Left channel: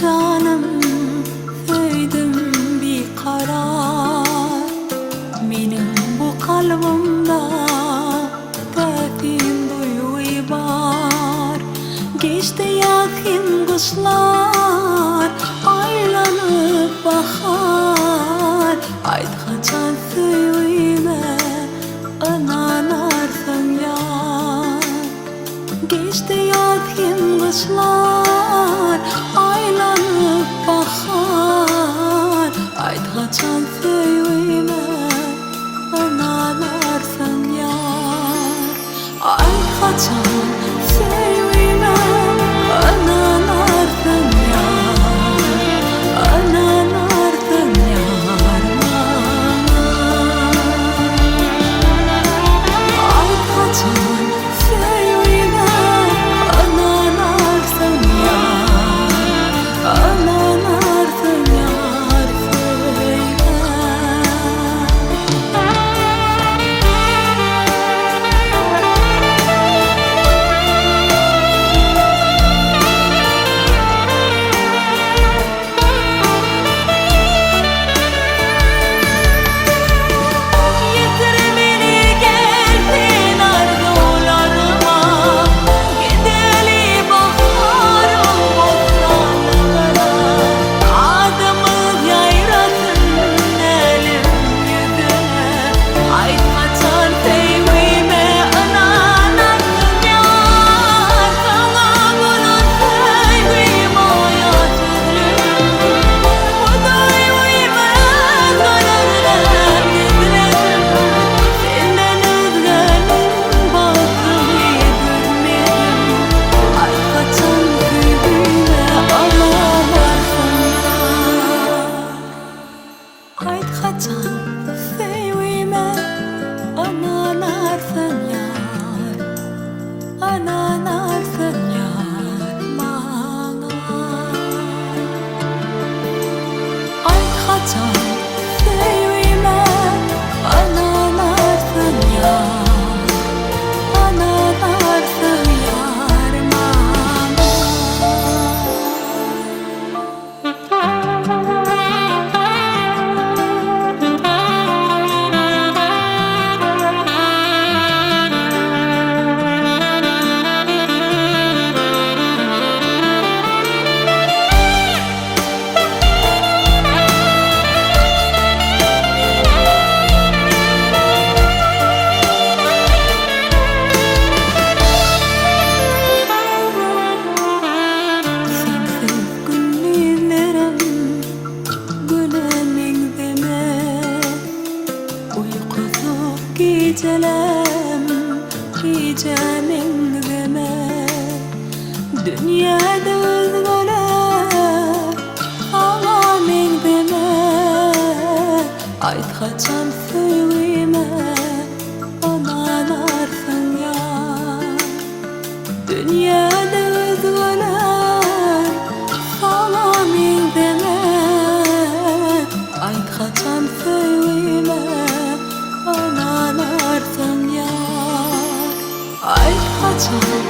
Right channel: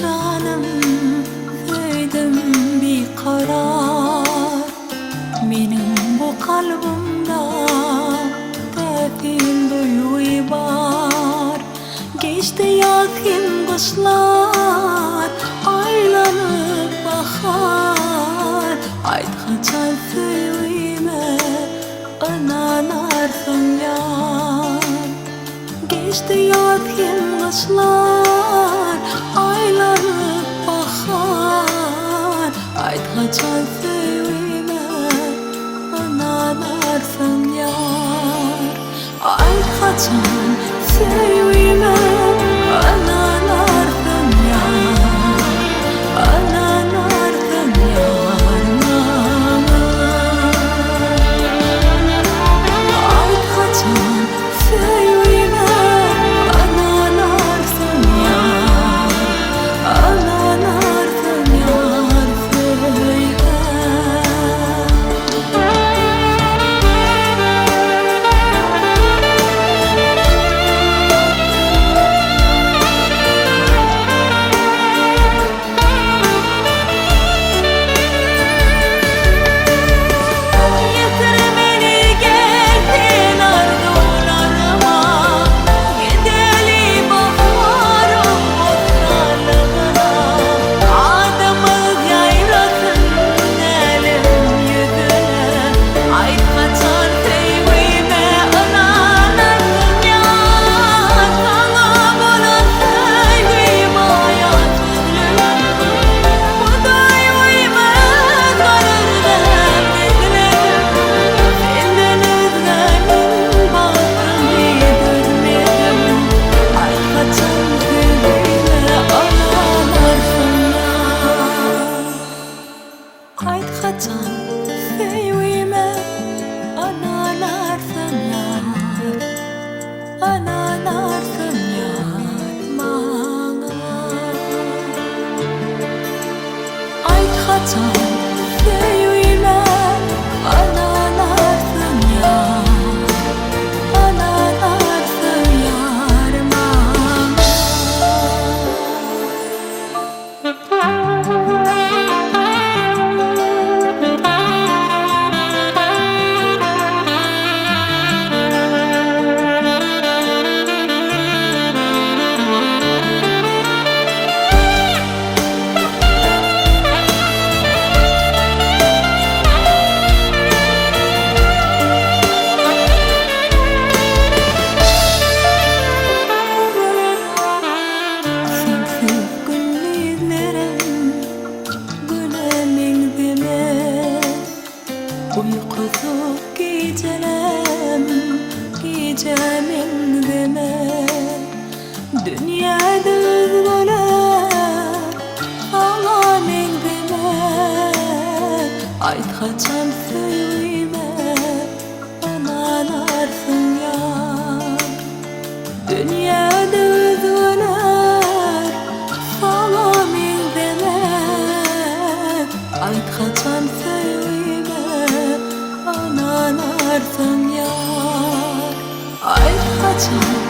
canım, söyledim bir karar. Benim bu kalbimde defin duyuyu var. Geçti yakın kışlar, aylanıp bahar. Ayt kaçan söyleme, ananarsın yar. Geçti yakın kışlar, aylanıp bahar. Ayt kaçan söyleme, ananarsın yar. Ayt kaçan söyleme, ananarsın yar. Ananarsın yar bana. Ayt kaçan söyleme, ananarsın yar. Ananarsın yar söyle. Ayt kaçan söyleme, ananarsın yar. Ananarsın yar bana. Ayt kaçan söyleme, ananarsın yar. Ananarsın yar bana. Uykusuz gecelerim, gecemin deme. Dünyada özgürler, ağlamın deme. Ayt kaçan söyleme, ananarsın yar. Dünyada özgürler, ağlamın deme. Ayt kaçan söyleme, ananarsın yar. Ayt kaçan